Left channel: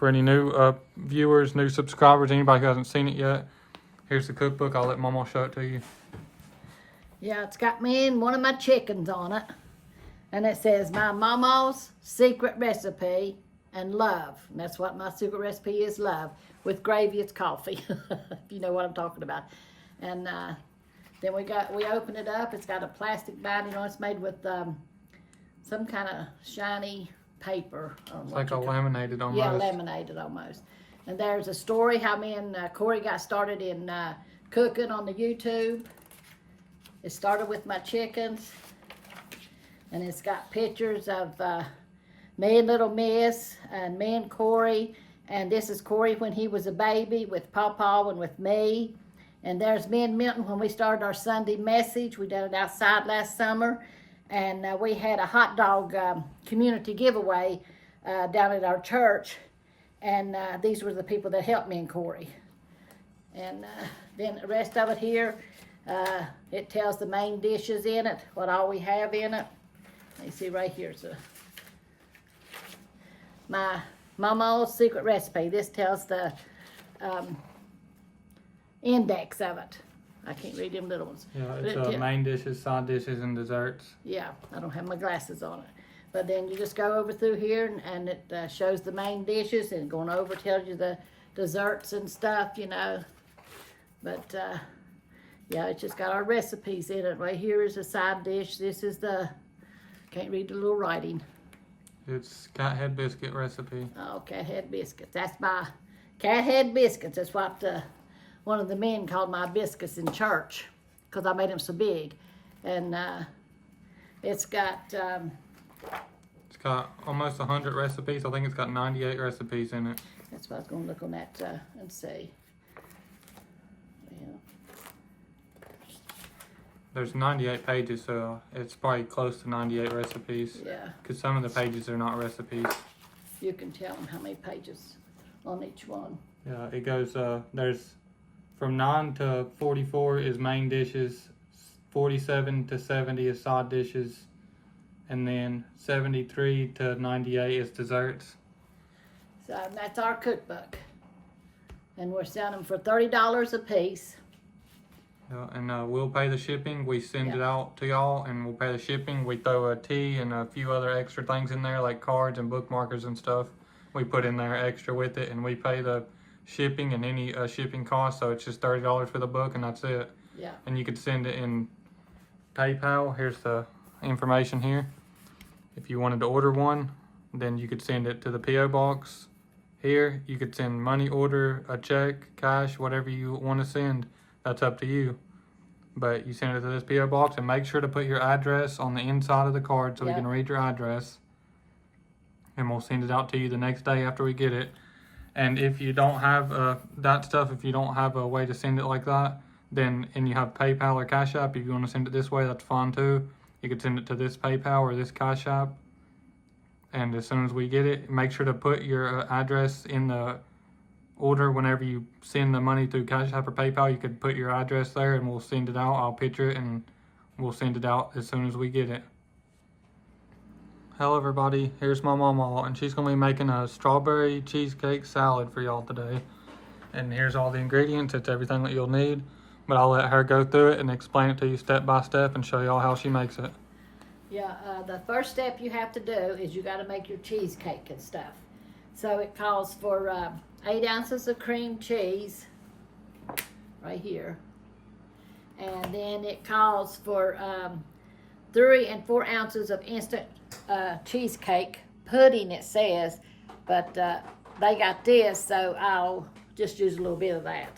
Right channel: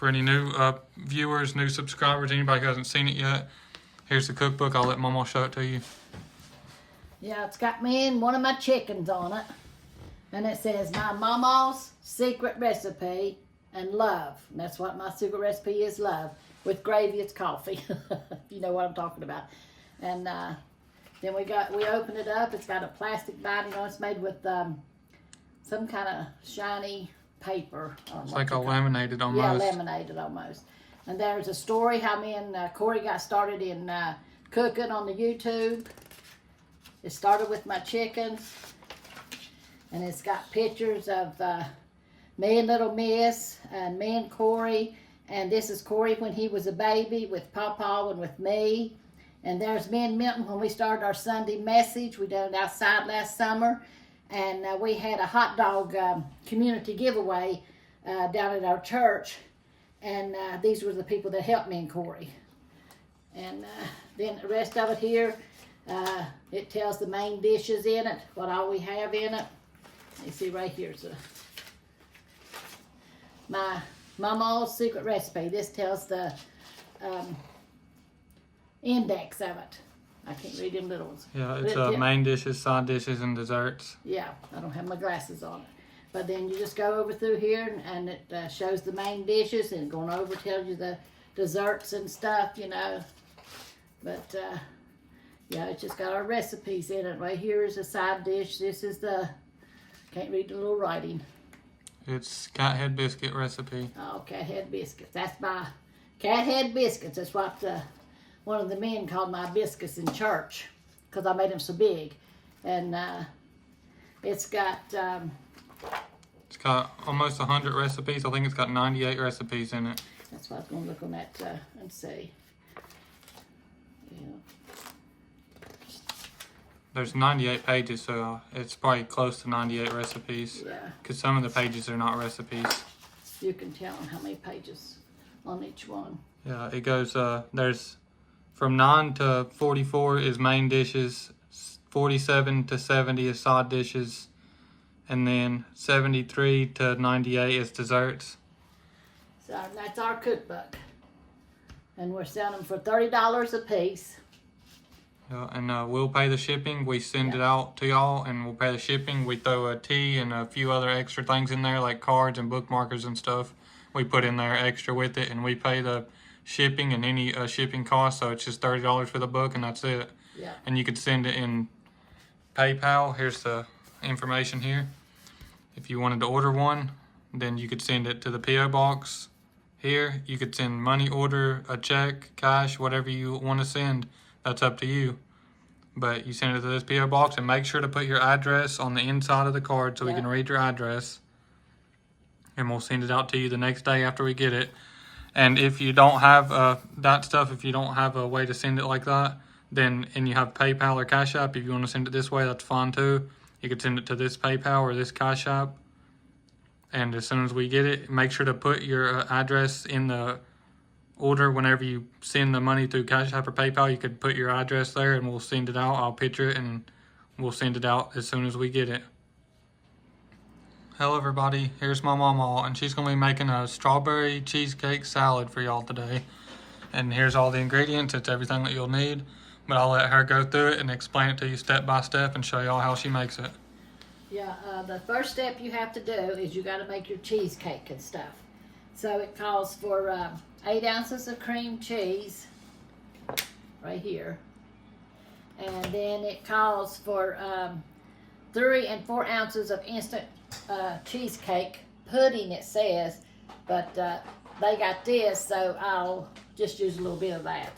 for any new viewers, new subscribers, anybody who hasn't seen it yet, here's the cookbook. I'll let Mama show it to you. Yeah, it's got me and one of my chickens on it. And it says, my Mamaw's secret recipe and love. And that's what my secret recipe is, love. With gravy, it's coffee. If you know what I'm talking about. And then we open it up. It's got a plastic binding on it. It's made with some kind of shiny paper. It's like a laminated almost. Yeah, laminated almost. And there's a story how me and Corey got started in cooking on the YouTube. It started with my chickens. And it's got pictures of me and little Miss and me and Corey. And this is Corey when he was a baby with Pawpaw and with me. And there's me and Milton when we started our Sunday message. We did it outside last summer. And we had a hot dog community giveaway down at our church. And these were the people that helped me and Corey. And then the rest of it here, it tells the main dishes in it, what all we have in it. You see right here's my Mamaw's secret recipe. This tells the index of it. I can't read them little ones. Yeah, it's main dishes, side dishes, and desserts. Yeah, I don't have my glasses on it. But then you just go over through here and it shows the main dishes, and going over tells you the desserts and stuff, you know. But yeah, it's just got our recipes in it. Right here is a side dish. This is the, can't read the little writing. It's cat head biscuit recipe. Oh, cat head biscuits. That's my cat head biscuits. That's what one of the men called my biscuits in church, because I made them so big. And it's got almost 100 recipes. I think it's got 98 recipes in it. That's what I was going to look on that and see. Yeah. There's 98 pages, so it's probably close to 98 recipes. Yeah. Because some of the pages are not recipes. You can tell them how many pages on each one. Yeah, it goes, there's from 9 to 44 is main dishes, 47 to 70 is side dishes, and then 73 to 98 is desserts. So that's our cookbook. And we're selling them for $30 a piece. Yeah, and we'll pay the shipping. We send it out to y'all, and we'll pay the shipping. We throw a tea and a few other extra things in there, like cards and bookmarkers and stuff. We put in there extra with it, and we pay the shipping and any shipping costs. So it's just $30 for the book, and that's it. Yeah. And you could send it in PayPal. Here's the information here. If you wanted to order one, then you could send it to the P.O. box here. You could send money order, a check, cash, whatever you want to send. That's up to you. But you send it to this P.O. box, and make sure to put your address on the inside of the card so we can read your address. And we'll send it out to you the next day after we get it. And if you don't have that stuff, if you don't have a way to send it like that, then, and you have PayPal or Cash App, if you want to send it this way, that's fine too. You could send it to this PayPal or this Cash App. And as soon as we get it, make sure to put your address in the order. Whenever you send the money through Cash App or PayPal, you could put your address there, and we'll send it out. I'll picture it, and we'll send it out as soon as we get it. Hello everybody, here's my Mamaw, and she's going to be making a strawberry cheesecake salad for y'all today. And here's all the ingredients. It's everything that you'll need, but I'll let her go through it and explain it to you step by step and show y'all how she makes it. Yeah, the first step you have to do is you got to make your cheesecake and stuff. So it calls for 8 ounces of cream cheese, right here. And then it calls for 3 and 4 ounces of instant cheesecake pudding, it says. But they got this, so I'll just use a little bit of that.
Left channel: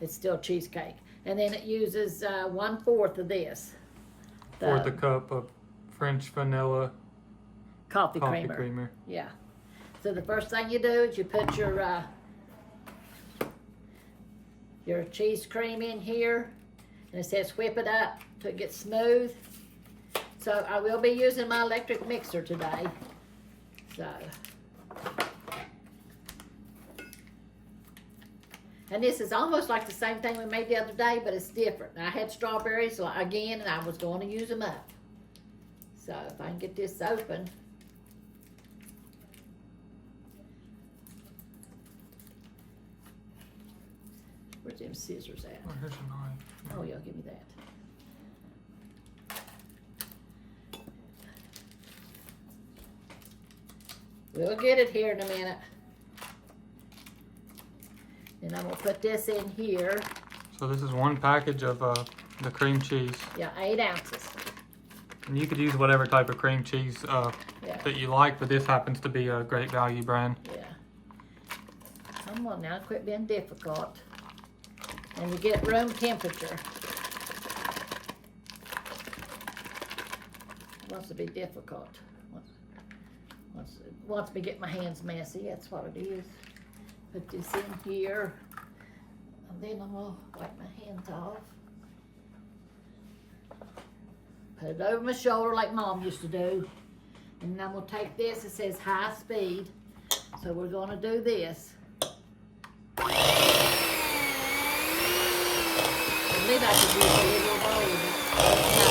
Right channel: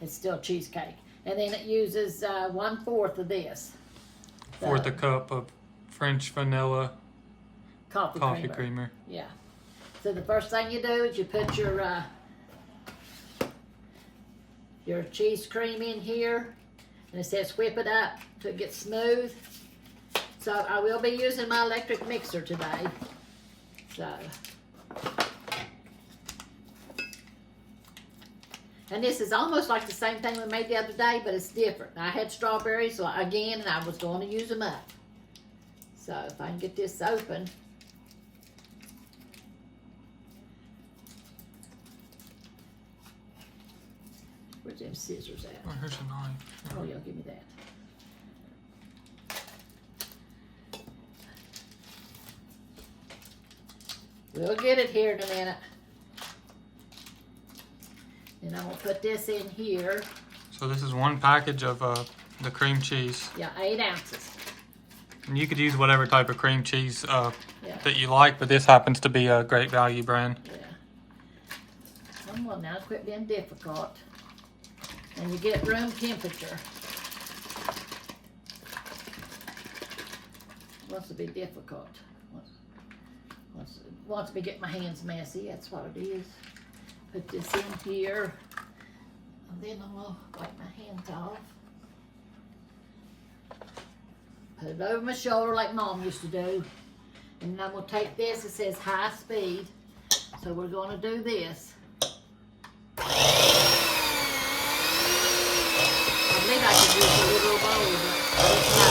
It's still cheesecake. And then it uses 1/4 of this. Fourth a cup of French vanilla coffee creamer. Yeah. So the first thing you do is you put your cheese cream in here, and it says whip it up till it gets smooth. So I will be using my electric mixer today. So, and this is almost like the same thing we made the other day, but it's different. I had strawberries again, and I was going to use them up. So if I can get this open. Where's them scissors at? Oh, here's a knife. Oh, y'all give me that. We'll get it here in a minute. Then I'm gonna put this in here. So this is one package of the cream cheese. Yeah, 8 ounces. And you could use whatever type of cream cheese Yeah. that you like, but this happens to be a Great Value brand. Yeah. Come on now, quit being difficult. And you get room temperature. Wants to be difficult. Wants me to get my hands messy, that's what it is. Put this in here. And then I'm gonna wipe my hands off. Put it over my shoulder like Mom used to do. And I'm gonna take this, it says high speed. So we're gonna do this. I believe I could use a little bowl, but no.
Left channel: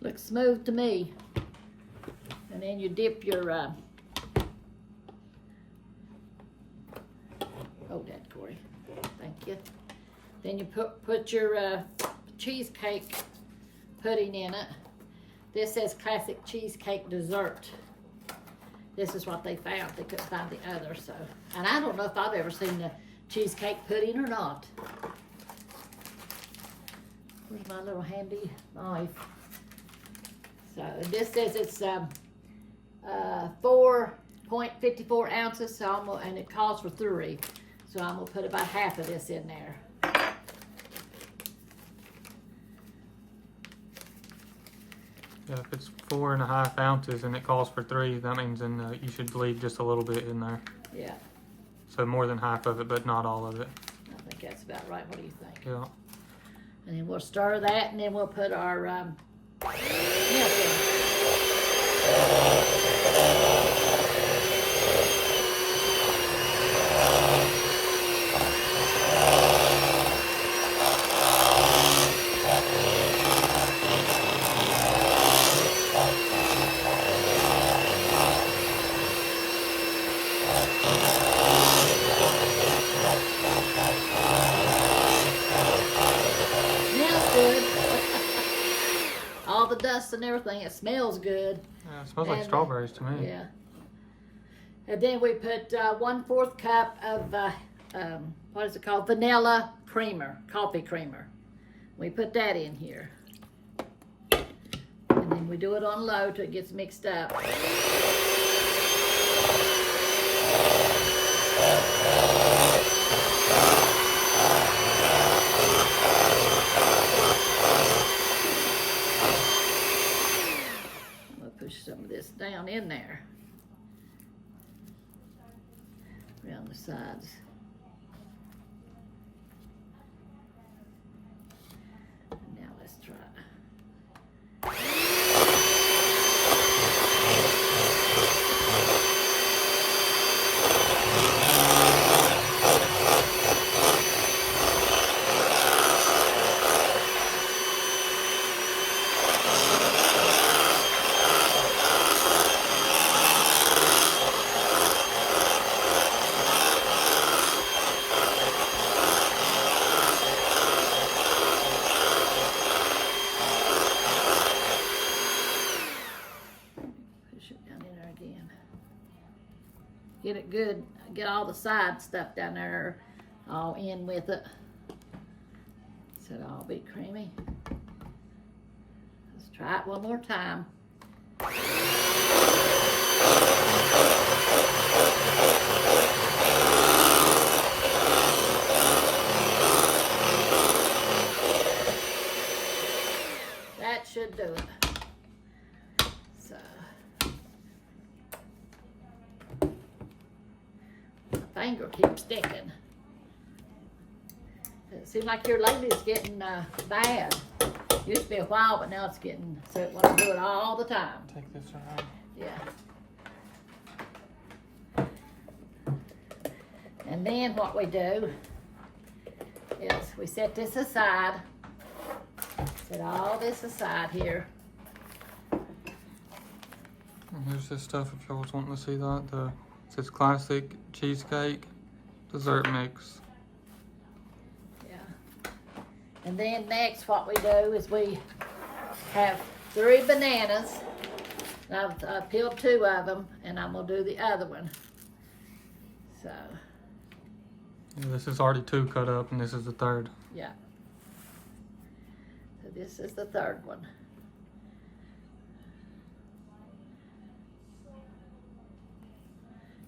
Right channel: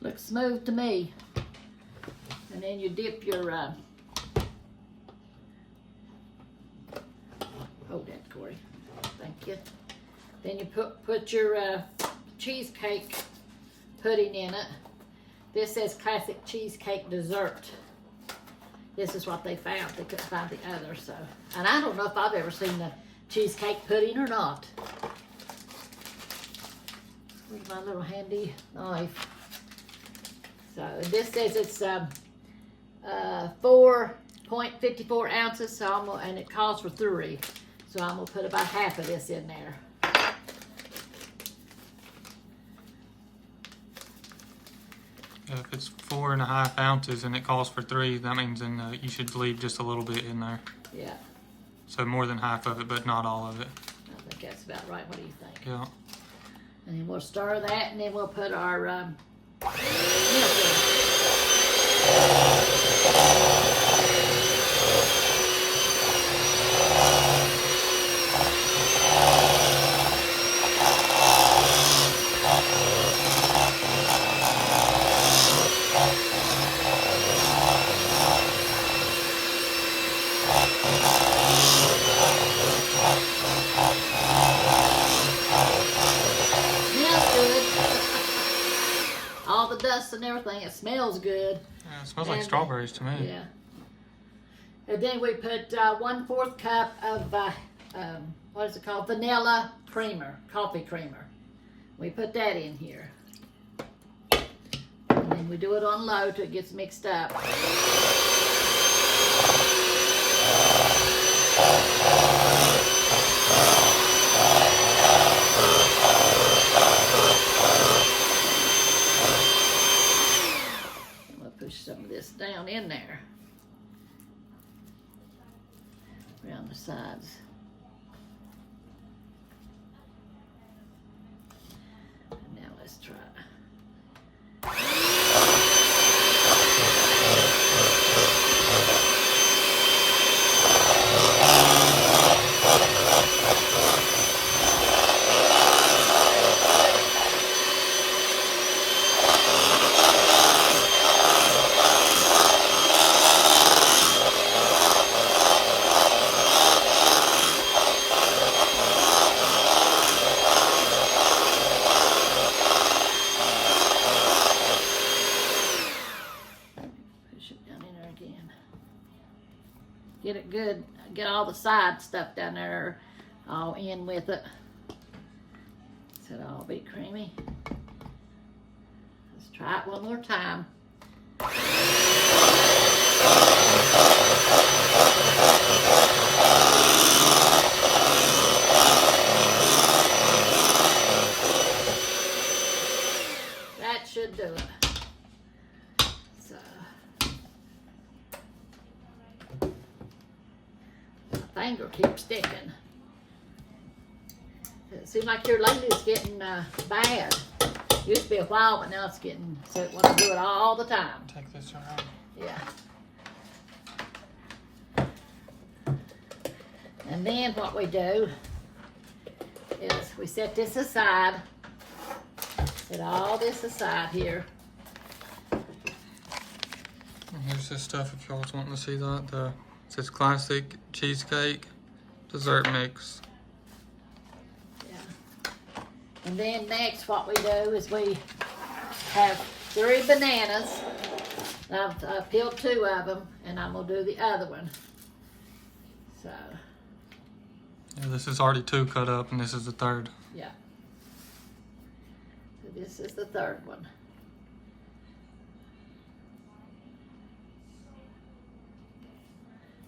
Looks smooth to me. And then you dip your, hold that, Corey. Thank you. Then you put your cheesecake pudding in it. This says classic cheesecake dessert. This is what they found. They couldn't find the other, so. And I don't know if I've ever seen the cheesecake pudding or not. Where's my little handy knife? So this says it's 4.54 ounces, so and it calls for 3. So I'm gonna put about half of this in there. Yeah, if it's 4.5 ounces and it calls for 3, that means then you should leave just a little bit in there. Yeah, So more than half of it, but not all of it. I think that's about right. What do you think? Yeah. And then we'll stir that, and then we'll put our milk in. All the dust and everything, it smells good. Yeah, it smells like strawberries to me. Yeah. And then we put 1/4 cup of, what is it called? Vanilla creamer, coffee creamer. We put that in here. And then we do it on low till it gets mixed up. Push some of this down in there around the sides. And now let's try. Get it good, get all the side stuff down there all in with it. So it'll all be creamy. Let's try it one more time. That should do it. So. Finger keeps sticking. It seems like your lady's getting bad. Used to be a while, but now it's getting so when I do it all the time. Take this around. Yeah. And then what we do is we set this aside. Set all this aside here. And here's this stuff if y'all was wanting to see that. It says classic cheesecake dessert mix. Yeah. And then next what we do is we have 3 bananas. I've peeled 2 of them and I'm going to do the other one. So. Yeah, this is already 2 cut up and this is the 3rd. Yeah. So this is the 3rd one.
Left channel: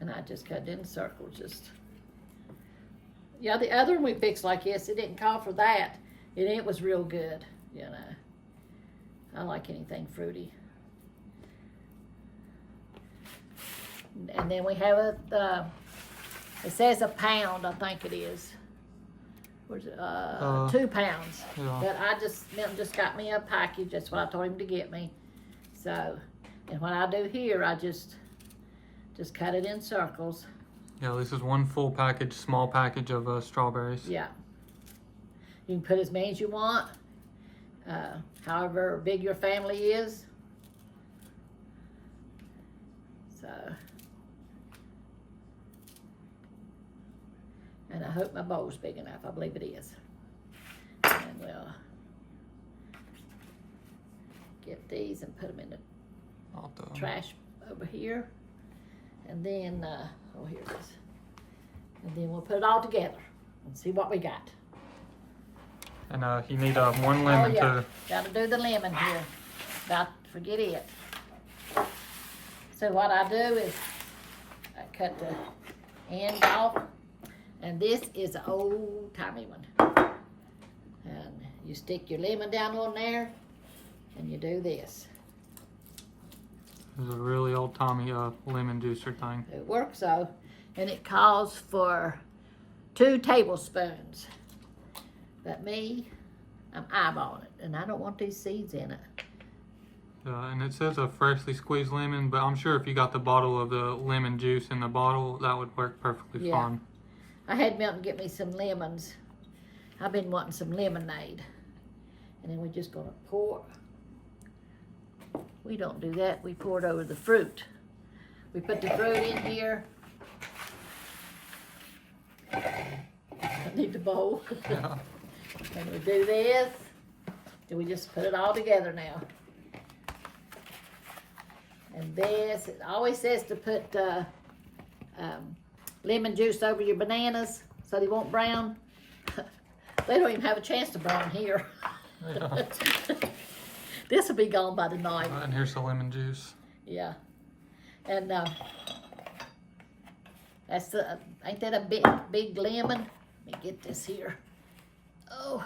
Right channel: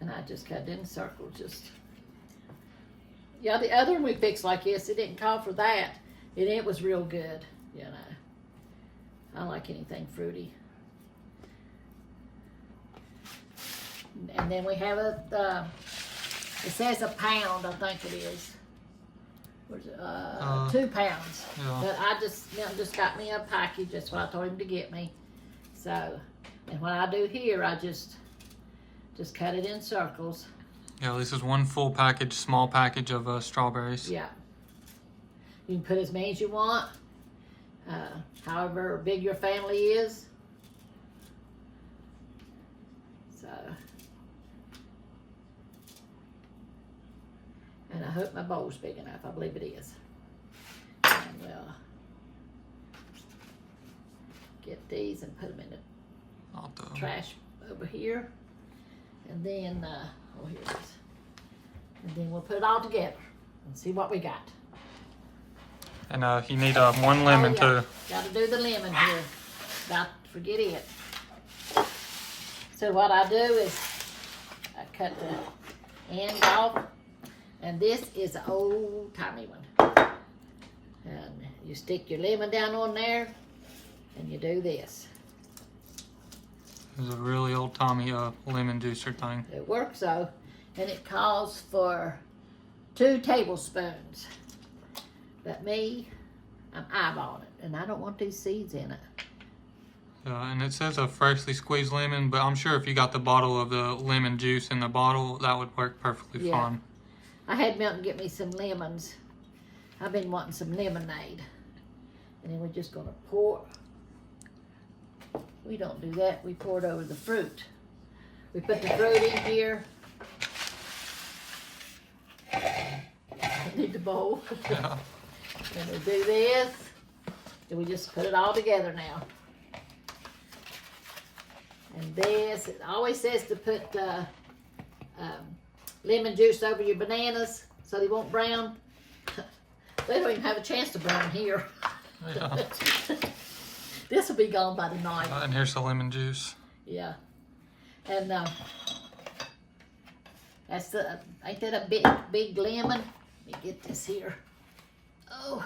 And I just cut it in circles, just. Yeah, the other one we fixed like this, it didn't call for that. And it was real good, you know. I like anything fruity. And then we have it says a pound, I think it is. Where's it? 2 pounds. Yeah. But Milton just got me a package. That's what I told him to get me. So, and what I do here, I just cut it in circles. Yeah, this is 1 full package, small package of strawberries. Yeah. You can put as many as you want, however big your family is. So, and I hope my bowl's big enough. I believe it is. And we'll get these and put them in the trash over here. And then, oh, here it is. And then we'll put it all together and see what we got. And you need 1 lemon too. Got to do the lemon here. About to forget it. So what I do is I cut the end off. And this is an old-timey one. And you stick your lemon down on there and you do this. It's a really old-timey lemon juicer thing. It works though, and it calls for 2 tablespoons. But me, I'm eyeballing it, and I don't want these seeds in it. And it says a freshly squeezed lemon, but I'm sure if you got the bottle of the lemon juice in the bottle, that would work perfectly fine. I had Milton get me some lemons. I've been wanting some lemonade. And then we're just gonna pour. We don't do that, we pour it over the fruit. We put the fruit in here. I need the bowl. Yeah. And we do this, and we just put it all together now. And this, it always says to put lemon juice over your bananas so they won't brown. They don't even have a chance to brown here. Yeah. This will be gone by the night. And here's the lemon juice. Yeah. And that's the, ain't that a big lemon? Let me get this here. Oh.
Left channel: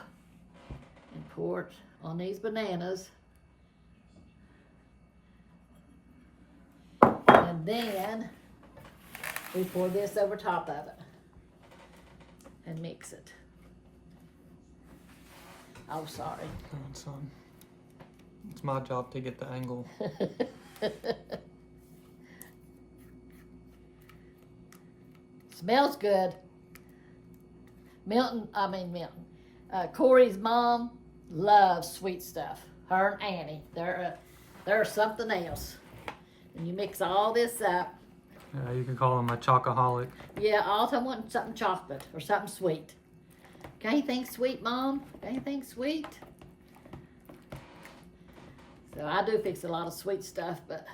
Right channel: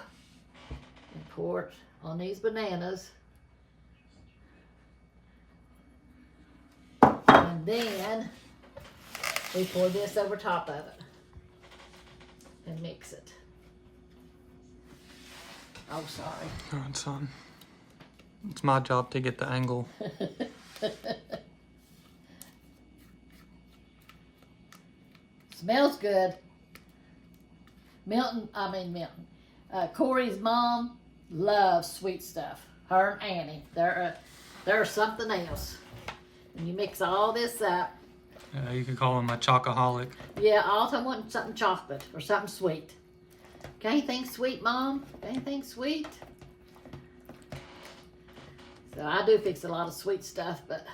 And pour it on these bananas. And then we pour this over top of it and mix it. Oh, sorry. Go ahead, son. It's my job to get the angle. Smells good. Corey's mom loves sweet stuff. Her and Annie, they're something else. And you mix all this up. Yeah, you could call him a chocoholic. Yeah, all the time wanting something chocolate or something sweet. Got anything sweet, Mom? Got anything sweet? So I do fix a lot of sweet stuff, but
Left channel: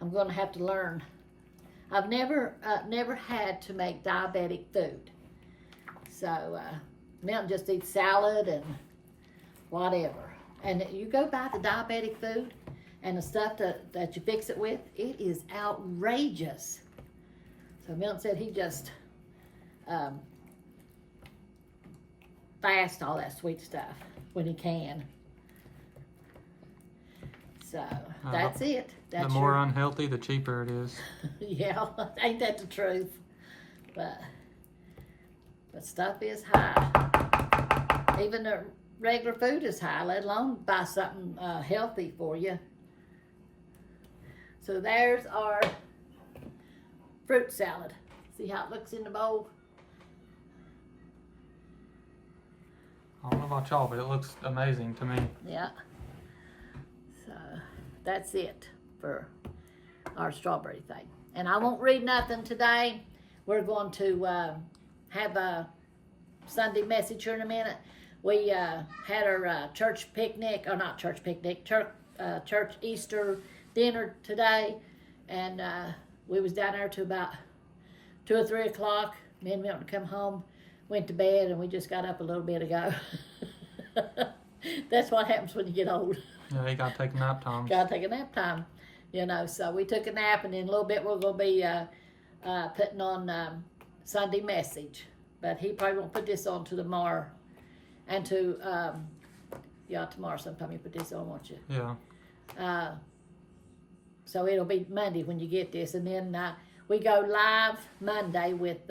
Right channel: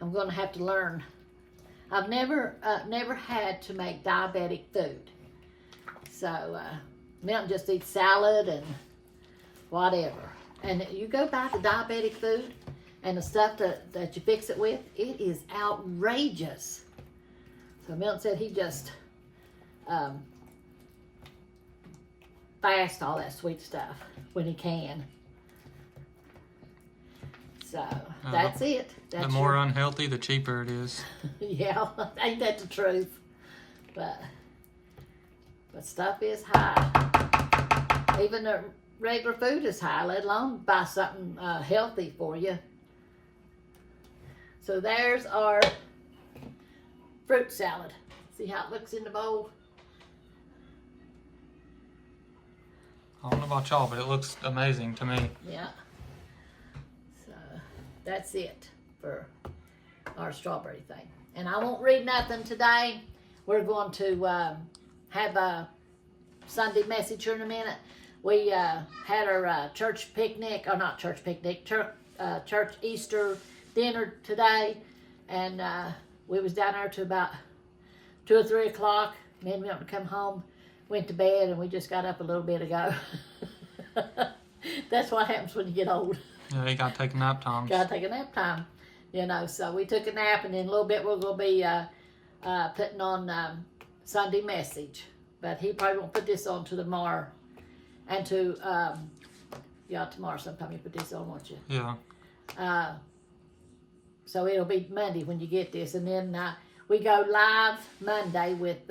I'm going to have to learn. I've never had to make diabetic food. So Milton just eats salad and whatever. And you go buy the diabetic food and the stuff that you fix it with, it is outrageous. So Milton said he just fasts all that sweet stuff when he can. So that's it. That's the more unhealthy, the cheaper it is. Yeah, ain't that the truth? But stuff is high. Even the regular food is high, let alone buy something healthy for you. So there's our fruit salad. See how it looks in the bowl? I don't know about y'all, but it looks amazing to me. Yeah. So that's it for our strawberry thing. And I won't read nothing today. We're going to have a Sunday message here in a minute. We had our church picnic, or not church picnic, church Easter dinner today. And we was down there to about 2 or 3 o'clock. Me and Milton come home, went to bed, and we just got up a little bit ago. That's what happens when you get old. Yeah, you gotta take a nap time. Gotta take a nap time, you know. So we took a nap, and in a little bit we're gonna be putting on Sunday message. But he probably won't put this on to tomorrow, and to tomorrow sometime you put this on, won't you? Yeah. So it'll be Monday when you get this, and then we go live Monday with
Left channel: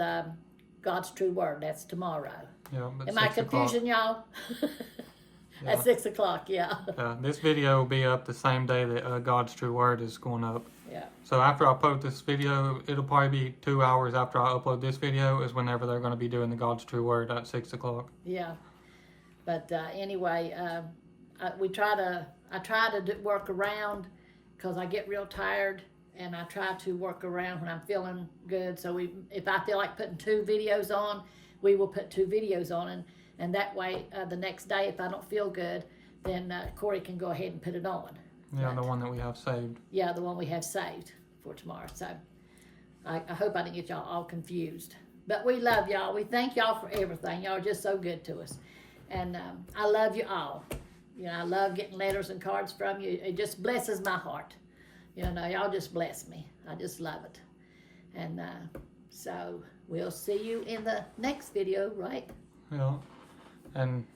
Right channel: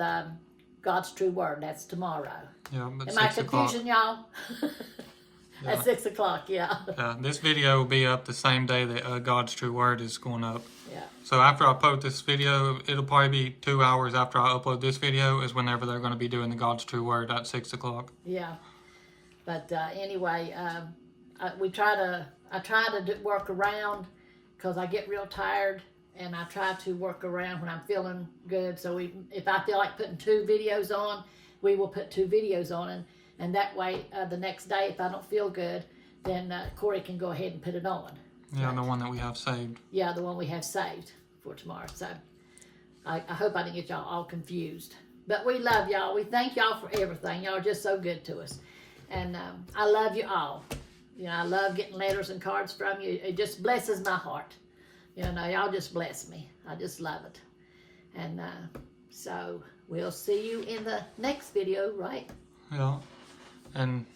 God's True Word. That's tomorrow. Yeah, but Am I confusing y'all? Yeah. At 6 o'clock, yeah. Yeah, this video will be up the same day that God's True Word is going up. Yeah. So after I post this video, it'll probably be 2 hours after I upload this video is whenever they're going to be doing the God's True Word at 6 o'clock. Yeah. But anyway, I try to work around because I get real tired, and I try to work around when I'm feeling good. So if I feel like putting 2 videos on, we will put 2 videos on, and that way the next day if I don't feel good, then Corey can go ahead and put it on. Yeah, right? the one that we have saved. Yeah, the one we have saved for tomorrow. So I hope I didn't get y'all all confused. But we love y'all. We thank y'all for everything. Y'all are just so good to us. And I love you all. You know, I love getting letters and cards from you. It just blesses my heart. You know, y'all just bless me. I just love it. And so we'll see you in the next video, right? Yeah. And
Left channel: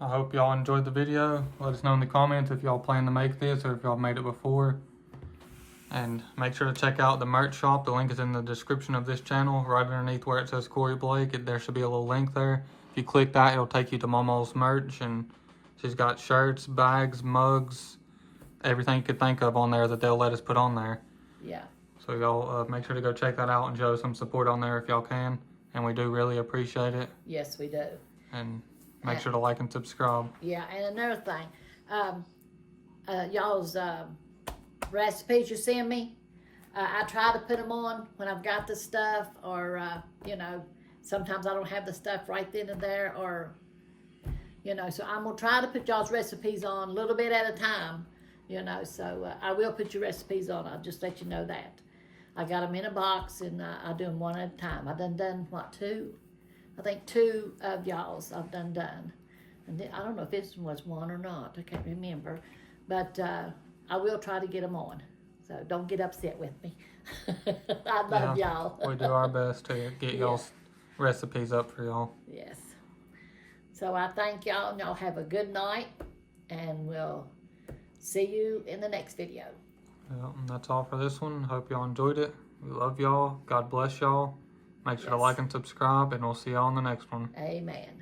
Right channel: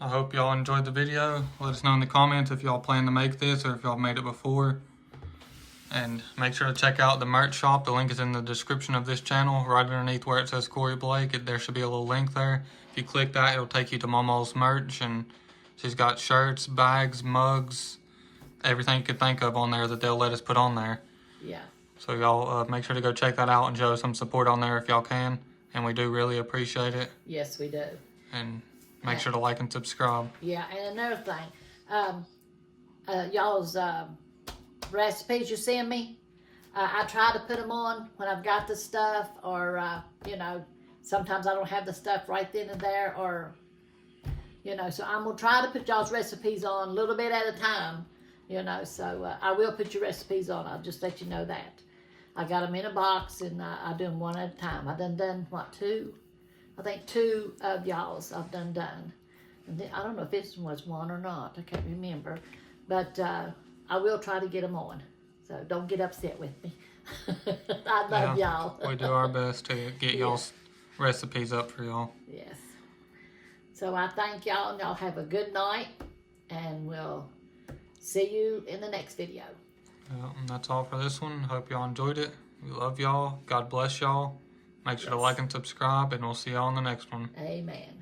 I hope y'all enjoyed the video. Let us know in the comments if y'all plan to make this or if y'all made it before. And make sure to check out the merch shop. The link is in the description of this channel, right underneath where it says Corey Blake. There should be a little link there. If you click that, it'll take you to Mamaw's merch, and she's got shirts, bags, mugs, everything you could think of on there that they'll let us put on there. Yeah. So y'all make sure to go check that out and show some support on there if y'all can. And we do really appreciate it. Yes, we do. And make sure to like and subscribe. Yeah, and another thing, y'all's recipes you send me, I try to put them on when I've got the stuff, or you know, sometimes I don't have the stuff right then and there, or you know, so I'm gonna try to put y'all's recipes on a little bit at a time, you know. So I will put your recipes on. I'll just let you know that. I got them in a box, and I do them one at a time. I done what, 2? I think 2 of y'all's I've done. And then, I don't know if this one was 1 or not. I can't remember. But I will try to get them on. So don't get upset with me. I love y'all. We do our best to get y'all's recipes up for y'all. Yes. So I thank y'all, and y'all have a good night. And we'll see you in the next video. Yeah, and that's all for this one. Hope y'all enjoyed it. We love y'all. God bless y'all. Make sure to like and subscribe, and we'll see y'all in the next one. Amen.